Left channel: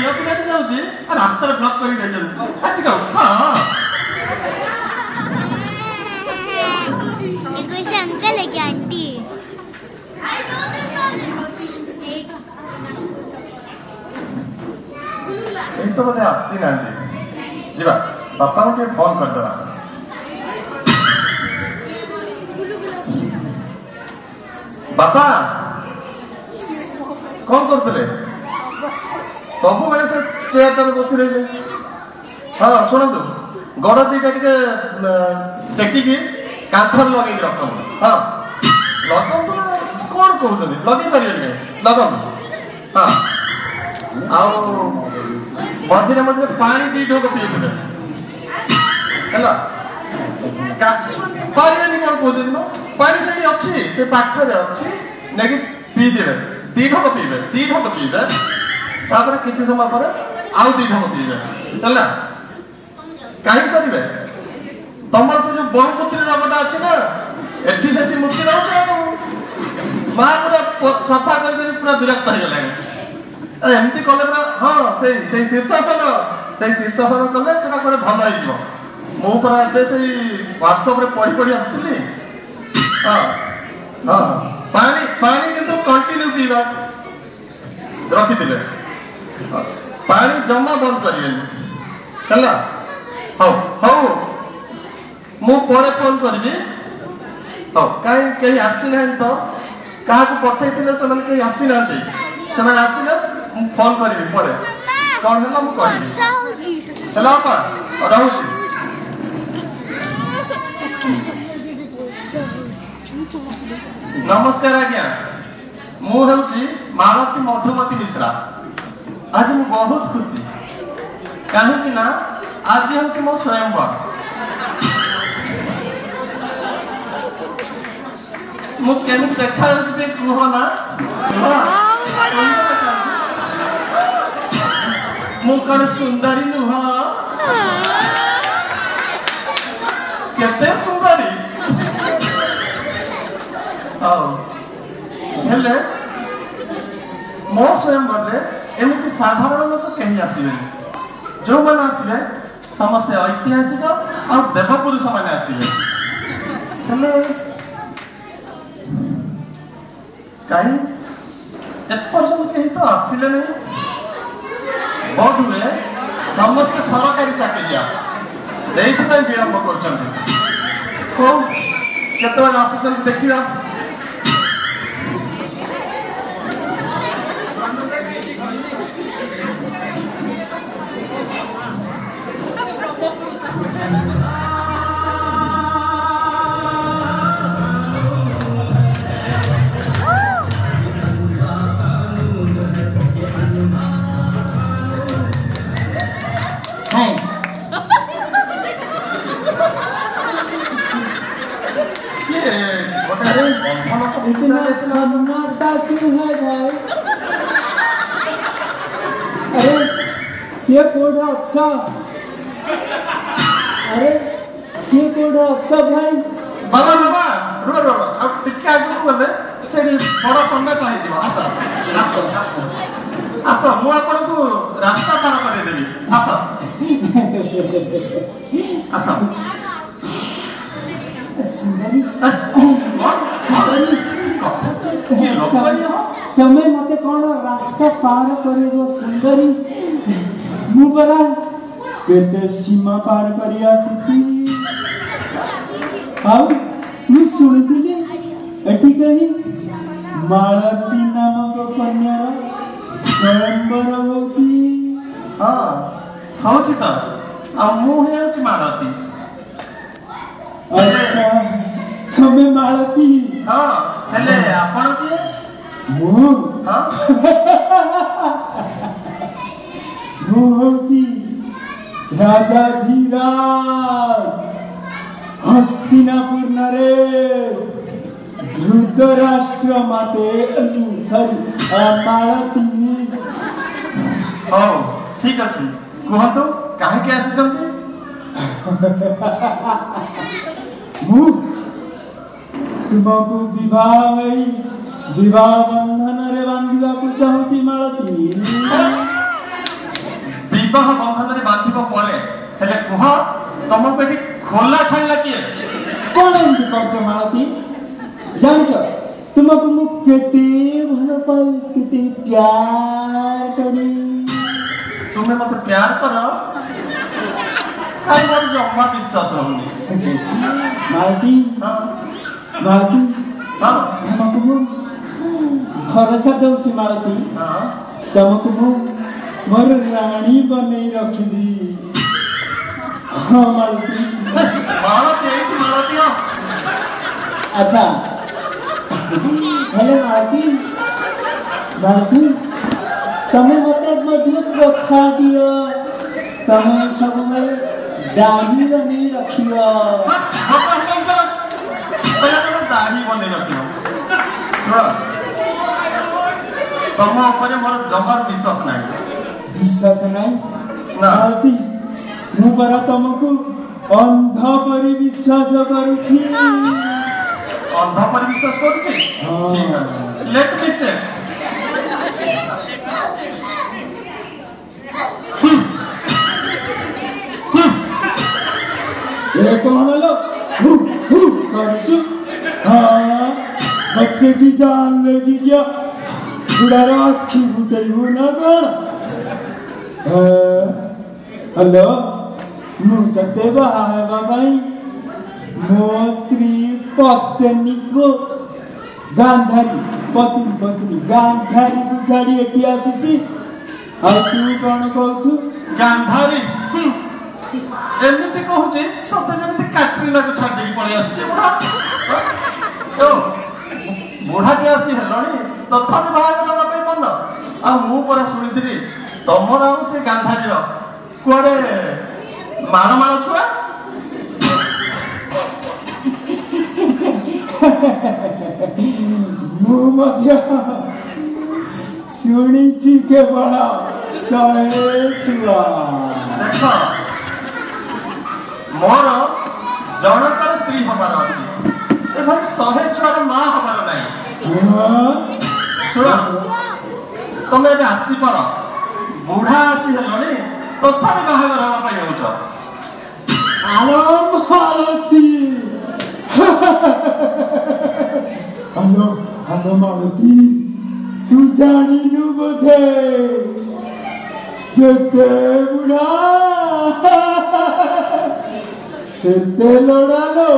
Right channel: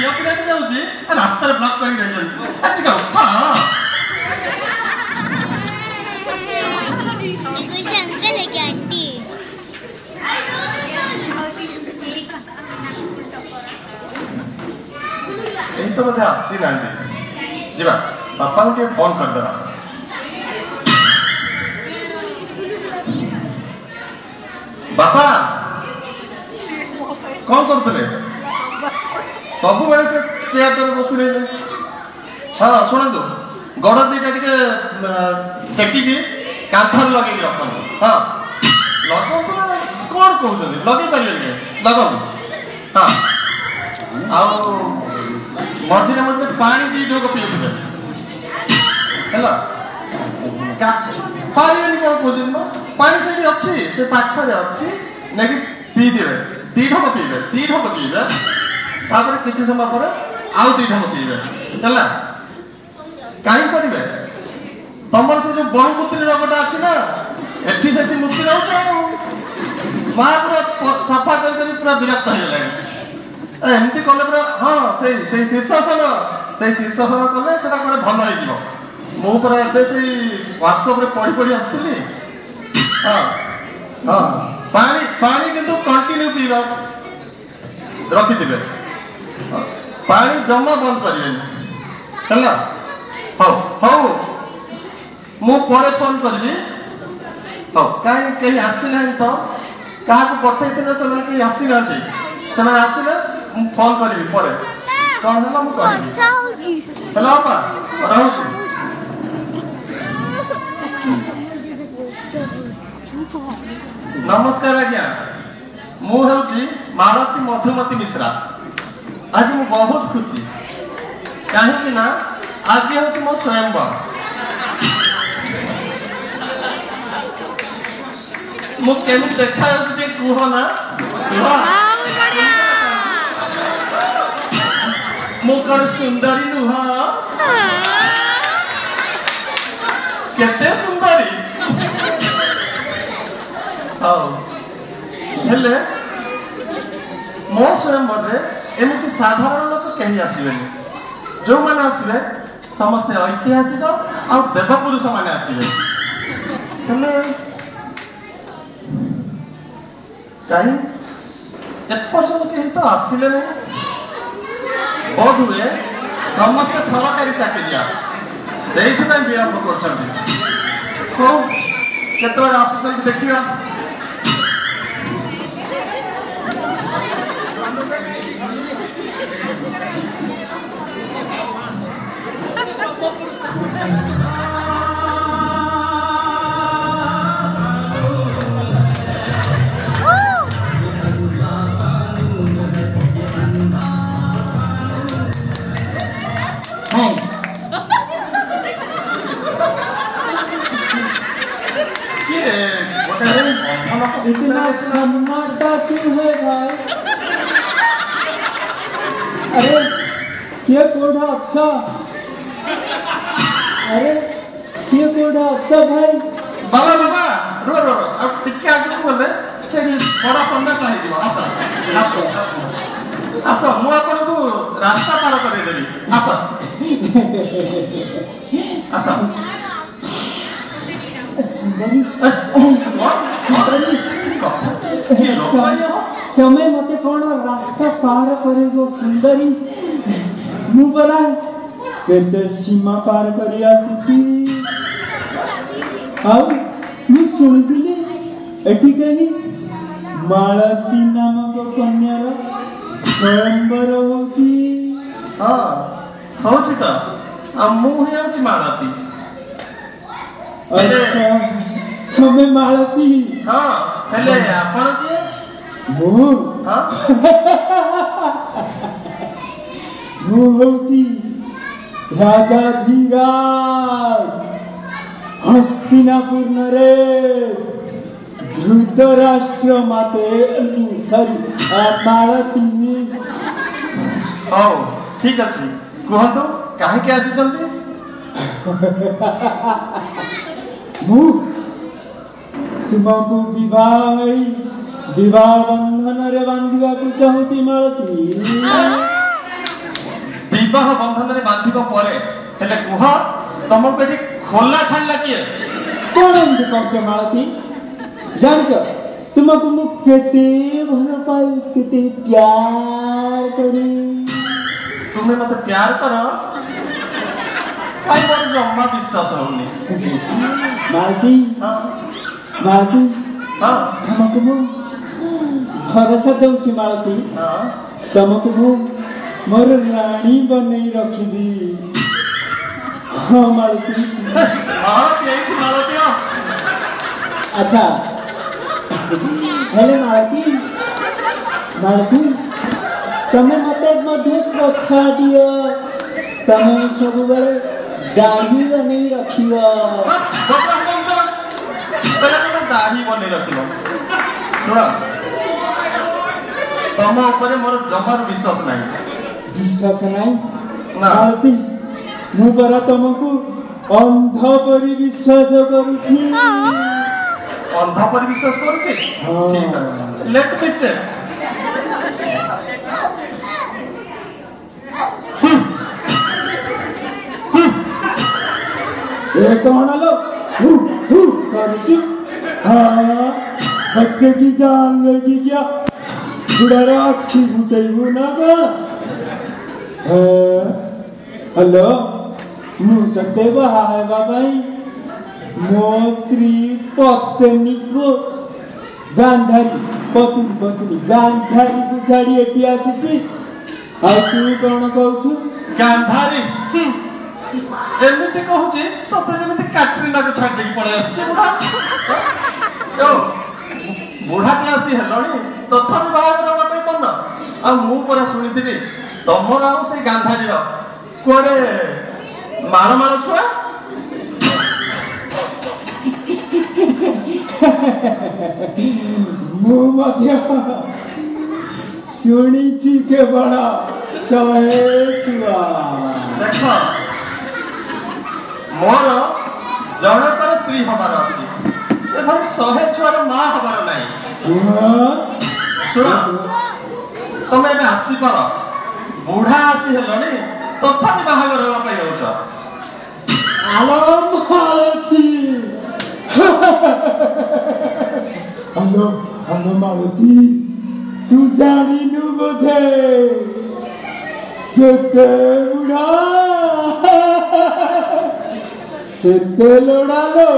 झील पिला जाऊँगी रास्ता ब्लॉक कर अंकल है क्या आंटी तो बोधे आसी ना जीवा बापा को फोन करदेवा बापा कौन करते सब बेले से चेयर पर बस रही हाँ शुणु गड़ दीटा टेकिकी कांथर लगे रख हाँ लग कौन कहते लगे पारे लगन हाँ मझे मझे पानी दी ढोक पीते है पानी कौन कहते पानी से अच्छी से पाखरे अच्छी नहीं पीदेवे दी ढोक पीबे तापर किसी समय पर आउ दी ढोक पीबे है कहीं करेंगे तुम से जो बहुमूर्ति रोगटा अच्छी ना एटी से मूर्ति रोच माँ पूरा सफा करदेवी पूरा विरक्त हो गले एमती कले हाँ से शीर्षासन कले से भल हो मुझे से व्हाट्सएप पढ़ी पढ़ी आसती हाँ हाँ पानी पानी किंतु कंटिन्यू पीवा रखिथे पानी जमा बंद करें हौ हौ मु परे फोन करी हौ कहीं कहीं आसी तो क्या पठे कहीं आसी ना से आसिले फोन करी परे कौन है मुझे कहबी है नमस्कार आज्ञा मुझे मालती मधुमती मिश्रा आज मु बहुत खुशी कहीं ना आज हूँ मो स्वयंवर मुझे देखा कह ना मु कौन सुंदरी नुह केते सुंदरी हेले मो स्वयंवर एमती साधारण लोक कहीं आसबे जो मैंने आसबे समस्ते ऐतिहासिक और देवपुरुष मैंने आसबे कहीं एपर्यंत कहीं तो आसिले नहीं बहुत हुए समस्त सरकारी चाकरिया से विलंब कर आस देखा इतना सन्नाटा क्यों है भाई? अरे ये कोड़ा अच्छा, अरे ये कोड़ा अच्छा भाई। बाबा बाबा रो रो अब टिके आगे बोले से थोड़ा सन्नाटा है जीवा आसा आसा आसा मु आपन को रास्ता पार कर देबी आसा आसा सुंदरी तमें मते कौन रास्ता पार करे सुंदरी मुबरा केते सीमा पार करी आसी आउ मु सुनिदिली एठी कही मालती नामक कन्यार स्वयंवर होची हां होची त आ मु हेउची मालती अच्छा तमें मालती हां हेले आपण की मु हां मु होची राजा धीराज हस्तिनापुर नरेश धृतराष्ट्र माते सॉरी मालती ओ ठीक अछि कहतो काहे के आसी संती मु तुमको विवाह बंधन रे बांधिबा को चाहूची मालती विवाह बंधन में बांधिबो परे हेले कुह तुमको एठी खोला छाड़ला किए कौन एमती कहछ मालती जानिछ तुमको मु केते भल पाई केते प्यार करी तुम्हें मत प्यार करो काई मोर जम्मा विश्वास होनी मालती मालती हां तुमको मु भरोसा दउछि मालती हां तुमको मु मोर रानी बनै रखिबी हाँ मालती अच्छा हेले मालती मालती तमे मते मधुर कथा दियो तमे सब बेले दाढ़ी बनै रखियो दाढ़ी बनै रखियो सुन तम ऊपर मोर जमार विश्वास नहीं मालती मु परा तुमको अंध परी विश्वास करूछी अंध पर विश्वास करूछी ठीक है लेट मी चेक ये कौन लो करूची हाँ बच्चे की जान लेगी क्या बुढ़ारा अखी फुटेबू ना हेलो मु तते बाहा हेबा भाई मो स्त्री पत्नी को गांधारी पत्नी गांधारी को छाड़ी एटी आसीची आ तू कौन कहू गांधारी एमती कहूची सते जेमती कैटरीना को छाड़ देकी पड़े आसी तो बुढ़ा के आसी हेलणी तथापि बाहागर बाई मन आ मु परा सुनिथिली तमर से गांधारी रो कोडे मार मार छुआ मु मध्य सुनिची के बड़ा सहे छुआ देख मोर जनकर स्त्री हमार अछि ए भाई सहे छुआर मां हमार नाही सुन तमे ଏବେ ଆସିପାର बुढ़ा आसी हेलणी तथापि बाहागर हवा पाई जाउछ आलो मालती आलो मालती तू जानिनु बोधे जेते बुढ़ा सेते लोड़ालो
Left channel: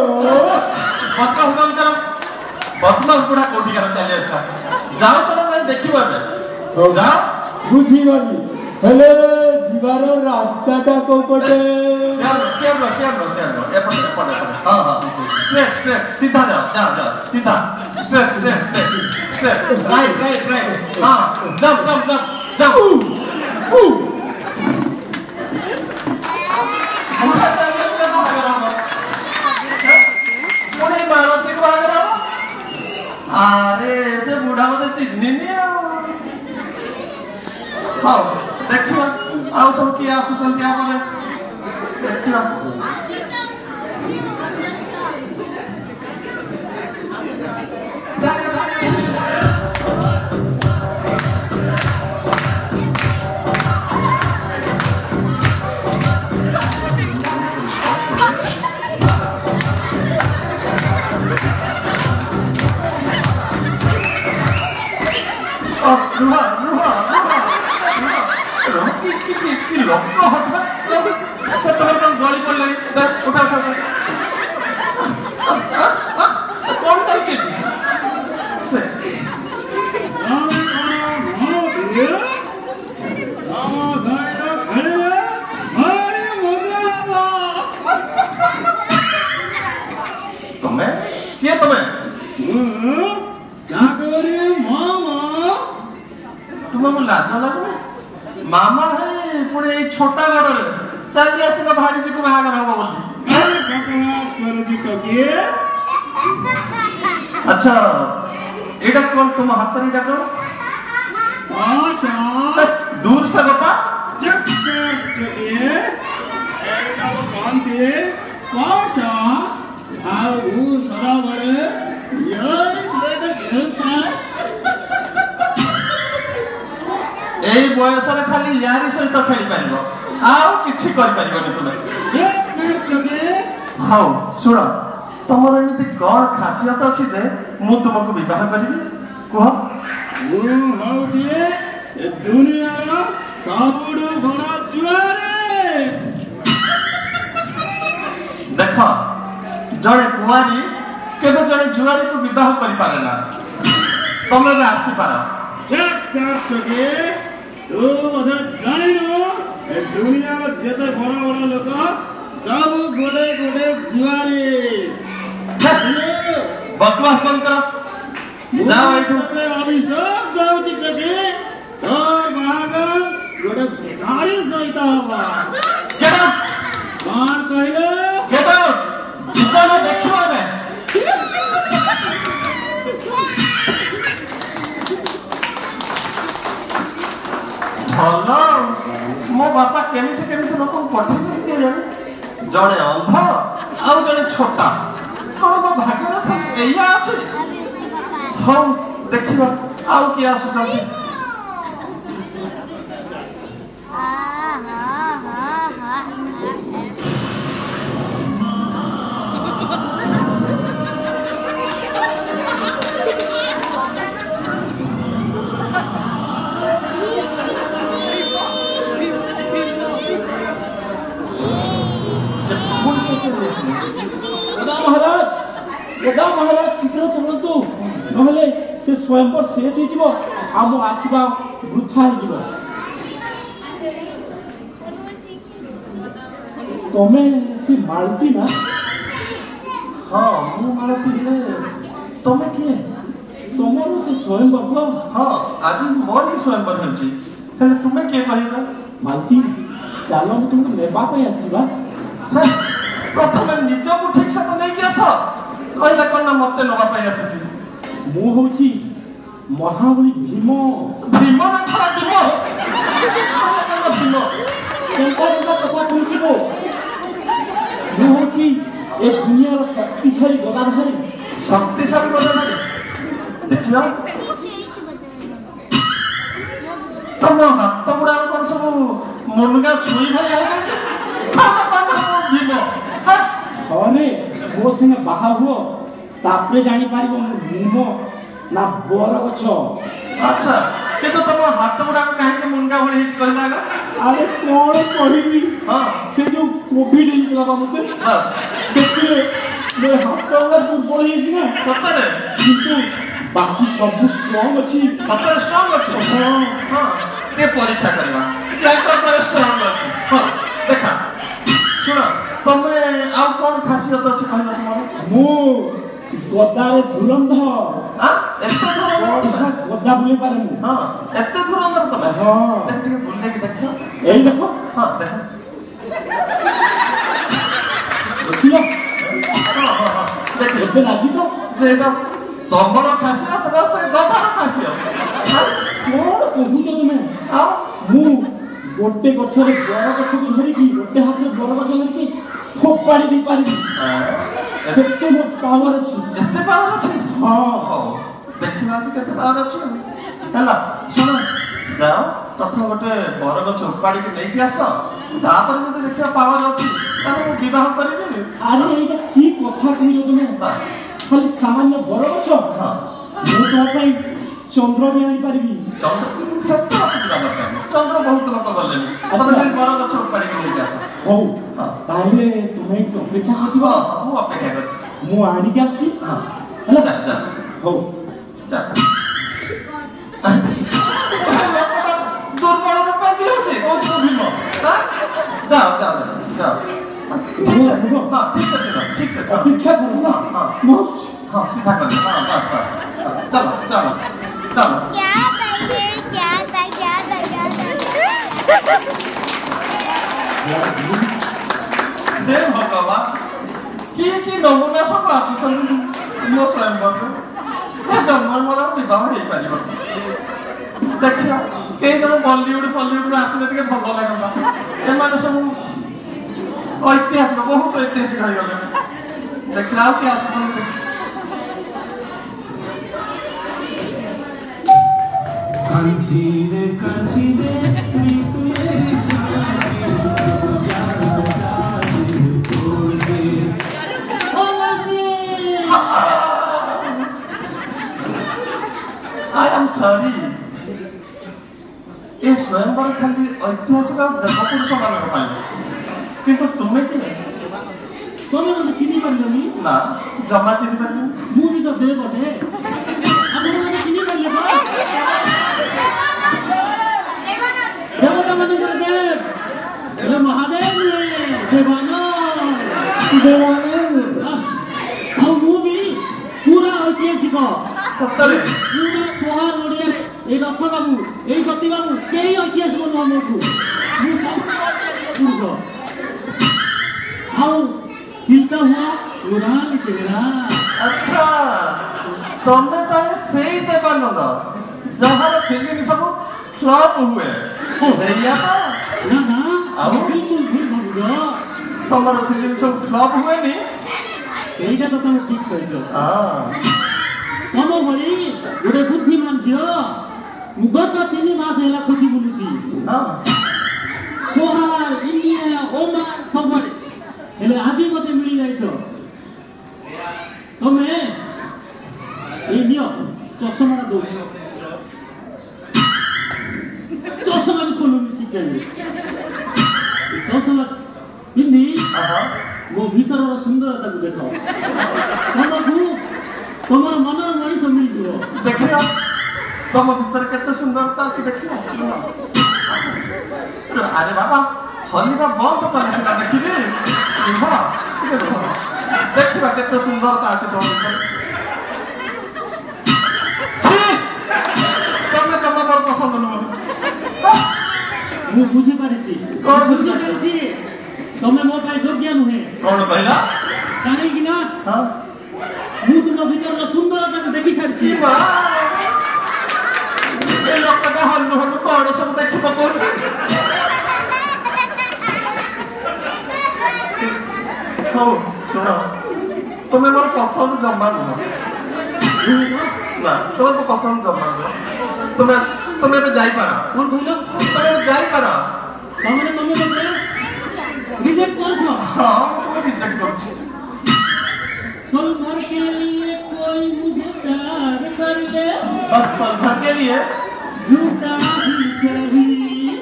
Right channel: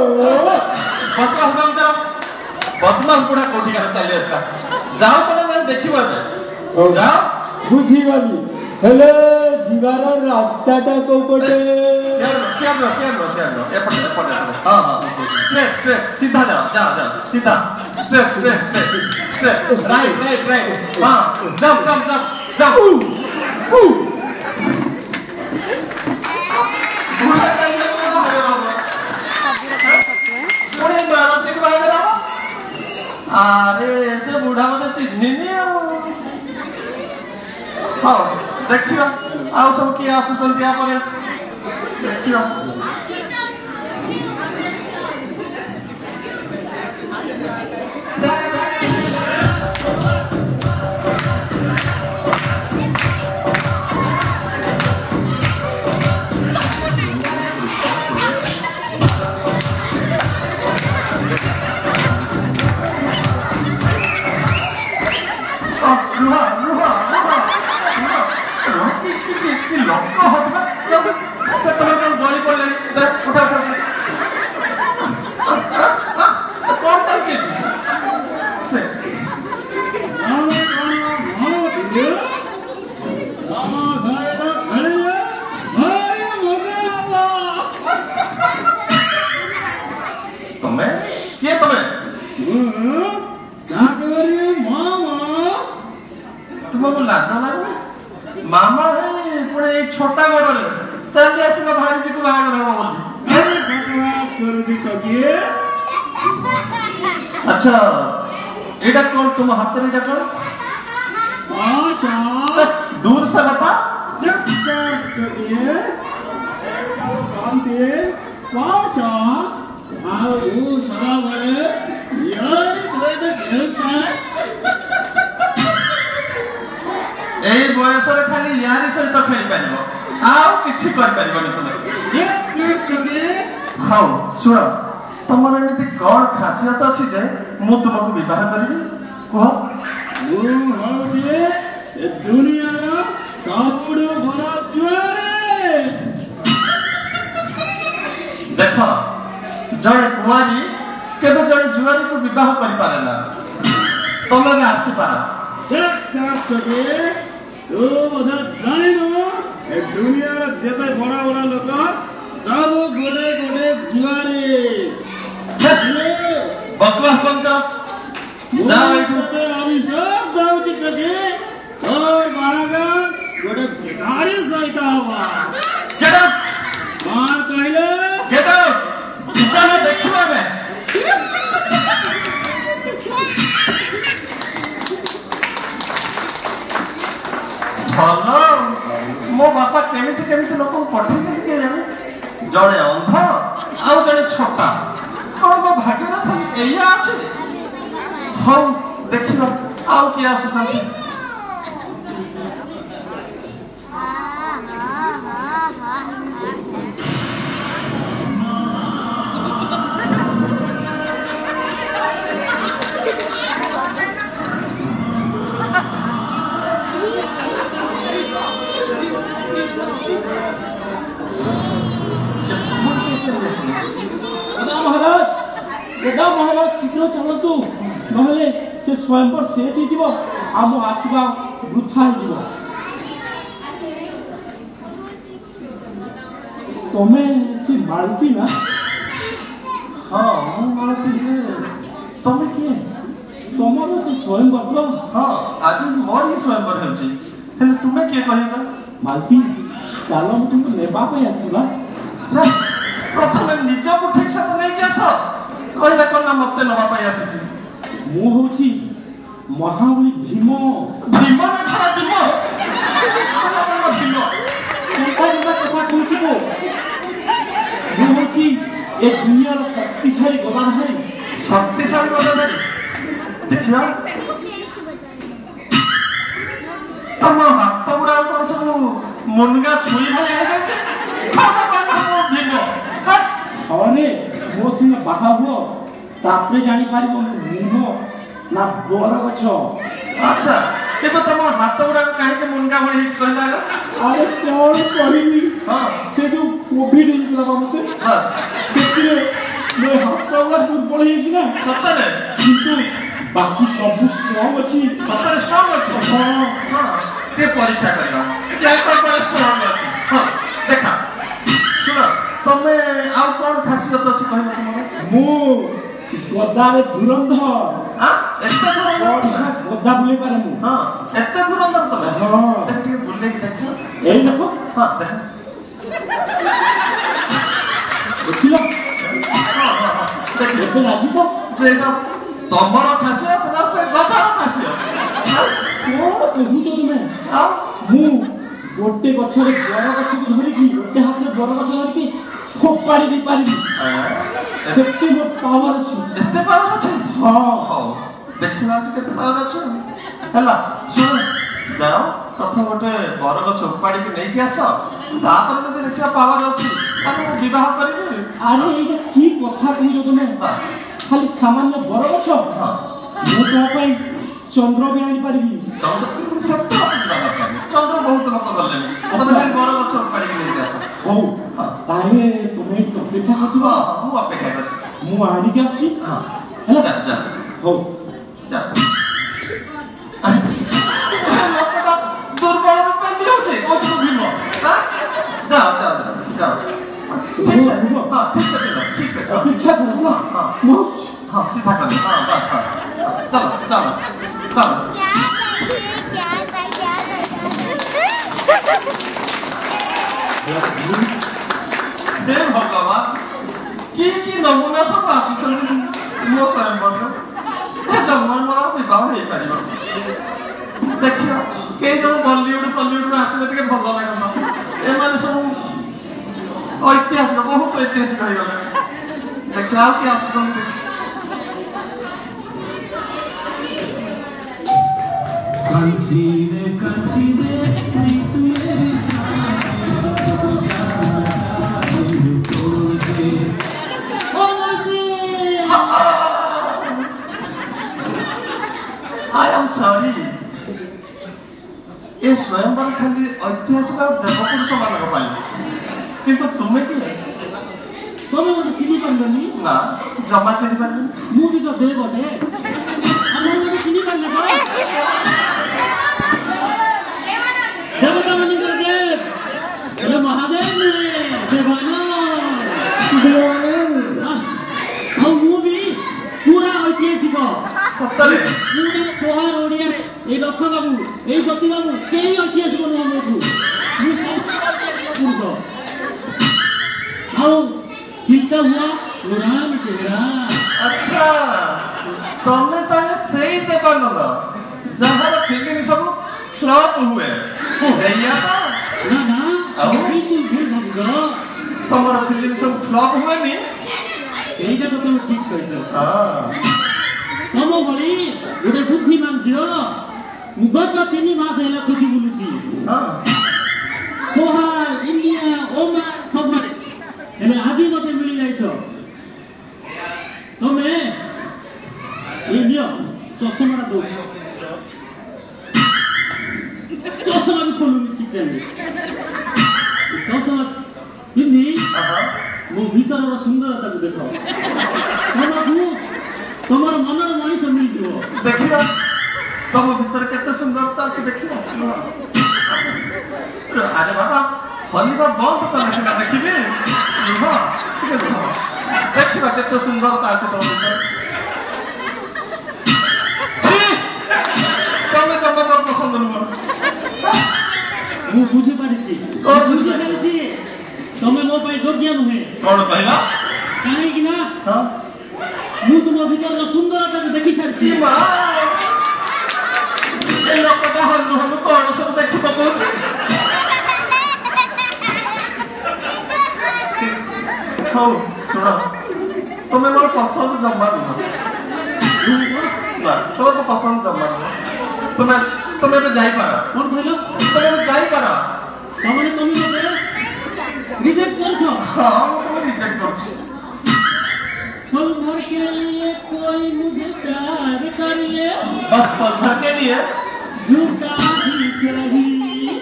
बदमाश बुढ़ा कोठी कर चली आसा जाओ तोरा देखिबा जाओ बुझीगली हेले जीवार रास्ताटा को पटे हां हां स्ट्रेट सीधा जाओ सीधा स्ट्रेट राइट हां जंप अरे से बुढ़ा मत चिन्हनी हाँ देखियो आउ सब किए आसुचन क्या करे देखियो मामा है पुणे छोटा बड़ चल आसना भाई जी को बाहर हम बोल अरे बकवास कर दी टकिए अच्छा एटा कौन तुम हाथ में जाकर आशा दूर से बता जब टकिए एटा वो कान दे आशा आओ सदा बड़े यार सदा खेलता এই বয়সରେ ଖାଲି ୟାରି ସହିତ ଖେଳି ପାରିବ ଆଉ କିଛି କରିପାରିବନି। ଶୁଣ ହଉ ଶୁଣ ତମର ଏମିତି କଣ ଖାସିୟତ ଅଛି ଯେ ମୁଁ ତୁମକୁ ବିବାହ କରିବି କୁହ? ମୁଁ ହଉଛି ଏ ଦୁନିଆର ସବୁଠୁ ବଡ଼ ଜୁଆରେ। ଦେଖ ଜଣେ କୁଆରୀ କେବେ ଜଣେ ଜୁଆରୀକୁ ବିବାହ କରିପାରେ ନା। ତମେ ଆସିପାର। ତୁ ବୋଧେ ଜାଣିନୁ ଏ ଦୁନିଆର ଯେତେ ବଡ଼ ବଡ଼ ଲୋକ ସବୁ ଗୋଟେ ଗୋଟେ ଜୁଆରୀ। ବକବାସ ଯାଅ ଏଇଠୁ। ଅଭିଶାପ ଦଉଛି ଟକେ ତୋର ବାହାଘର ଗୋଟେ ବେକାରୀ ସହିତ ହବ। କଣ କହିଲେ? ଦେଖିବ ଆମେ। ଭଲ ମୋ ବାପା କେମିତି କେମିତି ଲୋକଙ୍କୁ ପଠେଇଛନ୍ତି କିଏ ଜାଣେ। ଜଣେ ଅନ୍ଧ ଆଉ ଜଣେ ଛୋଟା। କଣ ମୋ ଭାଗ୍ୟରେ ଏଇଆ ଅଛି? ହଉ ଦେଖିବା ଆଉ କିଏ ଆସୁଛନ୍ତି। ମହାରାଜ ଶୀଘ୍ର ଚାଲନ୍ତୁ ନହେଲେ ସେ ସ୍ୱୟଂବର ଶେଷ ହେଇଯିବ ଆମ ଆସିବା ବୃଥା ହେଇଯିବ। ତମେ ସେ ମାଳତୀ ନା? ହଁ ମୁଁ ମାଳତୀ ହେଲେ ତମେ କିଏ? ତମର ସେ ସ୍ୱୟଂବର? ହଁ ଆଜି ମୋର ହିଁ ସ୍ୱୟଂବର ହେଉଛି। ହେଲେ ତୁମେ କିଏ କହିଲ? ମାଳତୀ ଚାଲ ମୁଁ ତୁମକୁ ନେବା ପାଇଁ ଆସିବା। ପ୍ରଥମେ ନିଜକୁ ଠିକ ସେ ନେଇକି ଆସ। କହିଲେ କଣ ନା ମତେ ନବା ପାଇଁ ଆସିଛି। ମୁଁ ହଉଛି ମହାବଳୀ ଭୀମ। ଭୀମ ନା ଖରା ଭୀମ? ଭୀମ କଥା କହୁଥିବ। ମୁଁ ହଉଛି ଏ ଦୁନିଆର ଶକ୍ତିଶାଳୀ ଗଦାଧାରୀ। ଶକ୍ତିଶାଳୀ ଗଦାଧାରୀ? ଦେଖିବା ତମ ହାତ ଗୁଡାକ କଣ ସବୁ ମୁନଗା ଛୁରୀ ଭଳିଆ ହେଇଯାଇଛି। ଭୀମ ଥରେ ମୋ ସାଙ୍ଗେ ବାହା ହୁଅ ତାପରେ ଜାଣିପାରିବ ଭୀମ ନା ବର ଗଛ। ଆଚ୍ଛା କିନ୍ତୁ ତମ ହାତ ଗୁଡାକ କାହିଁକି ମୁନଗା ଭଳି ହେଇଛି କହିଲା? ଆରେ କଣ କହିବି, ସେ ଯୋଉ କୋଭିଡ ହେଇଥିଲା ବା ମତେ ସେଥିରେ ମୋର ହାତ ଗୁଡା ଦୁର୍ବଳ ହେଇଛି ନା। ସତରେ? କିନ୍ତୁ ବାକି ସବୁ ଷ୍ଟ୍ରଙ୍ଗ ଅଛି। ସତରେ ଷ୍ଟ୍ରଙ୍ଗ ଅଛି? ଟିକେ ପରୀକ୍ଷା କରିବା ଷ୍ଟ୍ରଙ୍ଗ ଅଛି। ଦେଖା ଶୁଣ ତମେ ଆଉ କଣ ଖାସିୟତ ଅଛି କହିଲ ତୁମର? ମୁଁ ଗଦାରେ ଧୁରନ୍ଧର। ଏତେ ଧୁରନ୍ଧର? ଗଦା ବୁଲେଇ ପାରେ ମୁଁ। ହଁ ଏତେ ଧୁରନ୍ଧର ତମେ? ହଁ ଟିକେ ବୁଲେଇକି ଦେଖ। ଏଇ ଦେଖ। ହଁ ଦେଖ ଦେଖିଲ ଏବେ ରାଜି ତ? ସେଇଟା ତମର ଖାସିୟତ ନା ସେ ଗଦାର ଖାସିୟତ? କଣ କହୁଛ ତମେ? ମୁଁ ଗୋଟେ ଗଛରେ ବର ଗଛକୁ ଧରିକି ଗୋଟେ ହାତରେ ବର ଗଛ ଧରିକି ଫୋପାଡ଼ି ଦେଇପାରିବି। ସେତେ ମୋ ପାୱାର ଅଛି। ଏତେ ପାୱାର ଅଛି? ହଁ ଦେଖିବା କେତେ ପାୱାର ଅଛି। ହେଲା ଶୁଣ ଯାଅ ପ୍ରଥମ ଗୋଟେ ବରଗଛ ଉପାଡ଼ିକି ନେଇକି ଆସ। ତାପରେ ଯଦି ଦେଖିବା ପାୱାର ଅଛି ତାହେଲେ ମୁଁ ବିବାହ କରିବି। ଆରେ ଏଇଟା କି କଥା କହୁଛ ତମେ? ଖାଲି ସାମାନ୍ୟ ବରଗଛ? ମୁଁ ତମ ପାଇଁ ଚନ୍ଦ୍ର ବି ଆଣିପାରିବି। ଚନ୍ଦ୍ର ବହୁତ ଲୋକ ଗଲେଣି। ବରଗଛ ଉପାଡ଼ିକି ନେଇକି ଆସ। ହଉ ତାହେଲେ ତୁମେ ଏଠି ଅପେକ୍ଷା କରିବ। ମୁଁ ଅପେକ୍ଷା କରିଛି। ମୁଁ ଆଣିକି ଆସୁଛି। ହେଲା ହଉ ଦୁର୍ବଳ କାହିଁକି ହଉଛି? କୋଉଠି ଭୀମ? ଯାଅ ଯାଅ ଯାଅ ଠିକ ସେ ଅପେକ୍ଷା କର। ହଁ सीधा कर हाँ बस बस चलो चलो चलो हे भगवान की नमूना सब आसुଛନ୍ତି ମୋ ସ୍ୱୟଂବରକୁ ଏ ଜନ୍ମ ମୋର ବିବାହ ହେଇପାରିବ। ଦେଖିବା କେହି ଜଣ ବଲିଉଡରୁ ଆସିଲେ ଟିକେ ଭଲ ଲାଗନ୍ତା। ଏମାନେ ସବୁ ଐତିହାସିକ ବହୁତ ଐତିହାସିକ ହେଇଗଲେ। ଦେଖିବା ଆଉ କିଏ ଆସୁଛନ୍ତି। I am sorry. ये स्वयंवर खाली ऐतिहासिक देवपुरुष मान किंतु तुम्हें कि ତମେ ମୋତେ ଚିହ୍ନି ପାରିଲନି ना जमा चिन्ह पार्बन ମୁଁ ବି ତ ଦେବ ଦେ ଆପଣ ମୋତେ ଚିହ୍ନି ପାରିଲେ ପରା ଦେବତା ମାନଙ୍କର ଦେବ ହେଲେ ମହାଦେବ ନୁହେଁ ଦେବାନନ୍ଦ ଆଉ ମୁଁ ବି ପୁରା ଐତିହାସିକ ସତରେ ପୁରା ସହର ଓଡ଼ିଆରେ এই রথ বাবু এই সতী বাবু কেই ঐতিহাসিক নୁହଁ ମୋଠୁ ମୁଁ ସବୁଠୁ ଐତିହାସିକ ପୁରୁଷ ଆଉ ଚିନ୍ତା ହୁଅ ଉଡ଼ାନି ଚେହେରା अच्छा तुमने ताले सही देवानंद जहां फिल्म सब फ्लॉप हुए भैया ନା ନା ବିଲକୁଲ ଭୁଲ ଭାବୁଛ ତମର ଫିଲ୍ମ ସବୁ ଫ୍ଲପ୍ ହୁଏନି এইটা তো তুমি ঠিক କହିଛ ତମ ଭଳି ଗୋଟେ ବୁଦ୍ଧିମାନ ଝିଅ ମୁଁ ଗତ 3 ମାସ ହେଲା ଖୋଜି ବୁଲୁଛି ସୋହାର ଇଣ୍ଡିଆ ଓମାନ ସବୁଆଡେ ହେଲେ ଆଜି ମତେ ମିଳି ଯାଇଛ ତମେ ଏଇ ନିଅ ଚଷମାଟା ଦଉଛ ଚଷମା ବି ଖୋଲୁନି ଶିଖେନି ଚଷମା ପିନ୍ଧି ମୋ ଭିତରର ସୁନ୍ଦରତାକୁ ଦେଖ ତମକୁ ତମର ମନର ମଣିଷ ମିଳିଯିବ ଦେଖିବା ତମ ଭିତରେ କେତେ ସୁନ୍ଦରତା ଅଛି ଦେଖିବା ଆରେ ବାବା ହଲିବା ବନ୍ଦ କଲେ ସିନା ଦେଖିବି ରୁହ ଟିକେ ରୁହ ଦେଖିବା କେତେ ସୁନ୍ଦରତା ଅଛି ତମ ଭିତରେ ତମେ ତମ ମୋର ପସନ୍ଦ ନୁହଁ ମୁଁ ବୁଝିପାରିଛି ବୁଝିପାରିଛି ତମେ ମୋ ପାଇଁ ଯୋଗ୍ୟ ନୁହେଁ କଣ କହିଲ କାହିଁକି ନା ମୁଁ ତୁମ ଭିତରର ସୁନ୍ଦରତାକୁ ଦେଖି ସାରିଛି ଏ ଲୋକଟା ହଲୁ ହଲୁ କଣ ସବୁ ଦେଖି ପକଉଛି ହଉ ଶୁଣ ତୁମେ ମୋର ପସନ୍ଦ ଜମା ନୁହଁ ନା ତୁମେ ମୋ ପସନ୍ଦ ଜମା ନୁହଁ ତୁମେ ଏବେ ଯାଇପାର କଣ କହିଲ ତୁମେ ଏବେ ଯାଇପାର ତାମାନେ ତମେ ମତେ ରିଜେକ୍ଟ କରୁଛ ହଁ ମୁଁ ରିଜେକ୍ଟ କରୁଛି पल भर के लिए कोई मुझे प्यार कर ले बस पल भर के लिए झूठा ही सही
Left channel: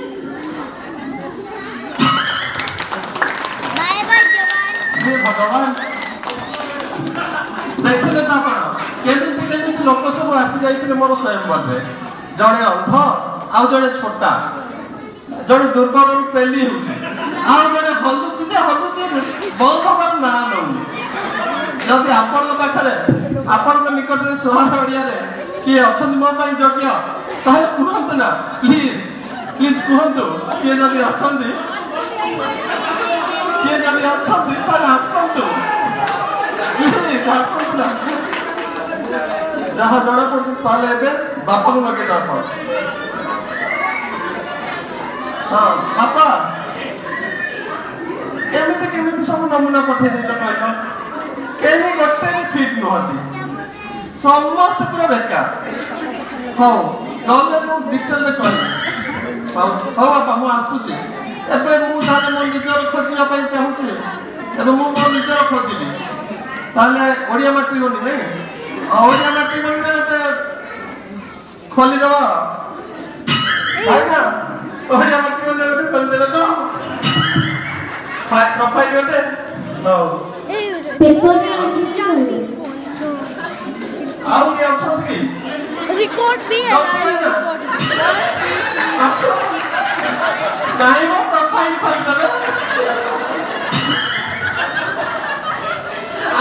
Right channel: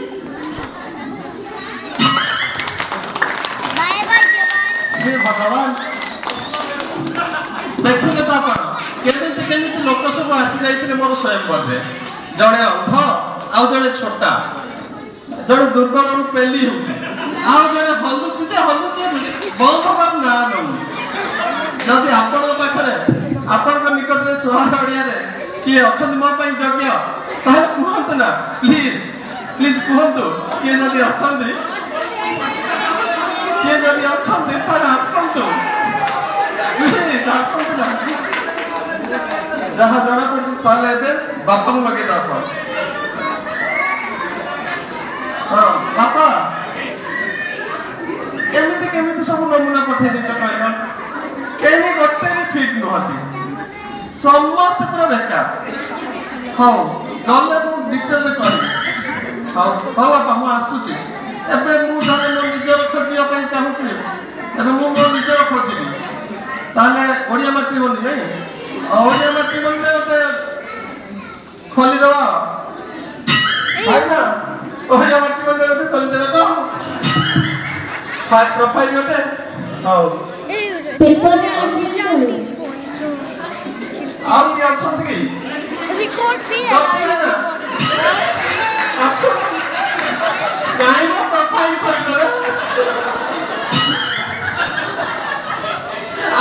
बाय बाय हे भगवान देखुने तो आपण केମିତି लोक सब आसी जाइथिले मोर स्वयंवरे जड़े अंध आउ जड़े छोटा जड़े दुर्बल पेली होउछि आउ जड़े हलुछि जे हलुछि बहुत बार ना नउनी जदि आपण पाखरे आपण निकटरे सोहार ओडियारे किए अछन मोर पई योग्य ताहे कुहंतु ना प्लीज प्लीज कुहंतु किए जदि अछंती किए जदि अछंती ताहे आसंतु प्लीज आसंतु जहाँ जड़ा पड़ती ताले एबे बापा को लगे जाता हाँ बापा केमिति सब नमूना पठे देछ कहला केही गोटे फिट नहती समस्त पूरा बेकार हाँ गले मु डिटेल करी हाँ बापा मु आसुची एबे मु धारे मो निजर खोजिया पई चाहूची एबे मु मो निजर खोजिबी ताले ओडिया मैट्रिमोनी नहीं ओडिया मैट्रिमोनी रे गोटे खोली दवा भाई ना ओडिया मैट्रिमोनी रे गोटे खोली दे तो प्रोफाइल गोटे हाँ और क्या अच्छा थी रिकॉर्ड भी है काहे वो प्रोफाइल पर करे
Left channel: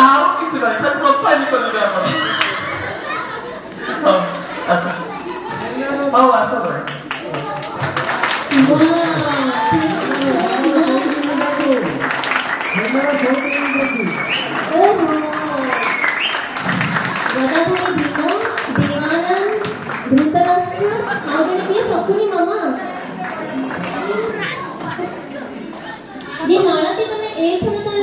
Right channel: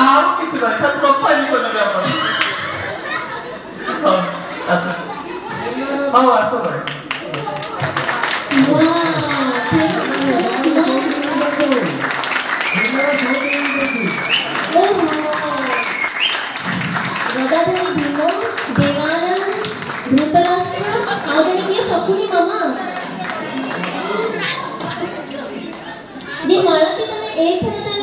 आओ किसी बात का प्रोफाइल कर दिया अपन ऐसा आओ ऐसा भाई ये माला की तुम्हें एक तरह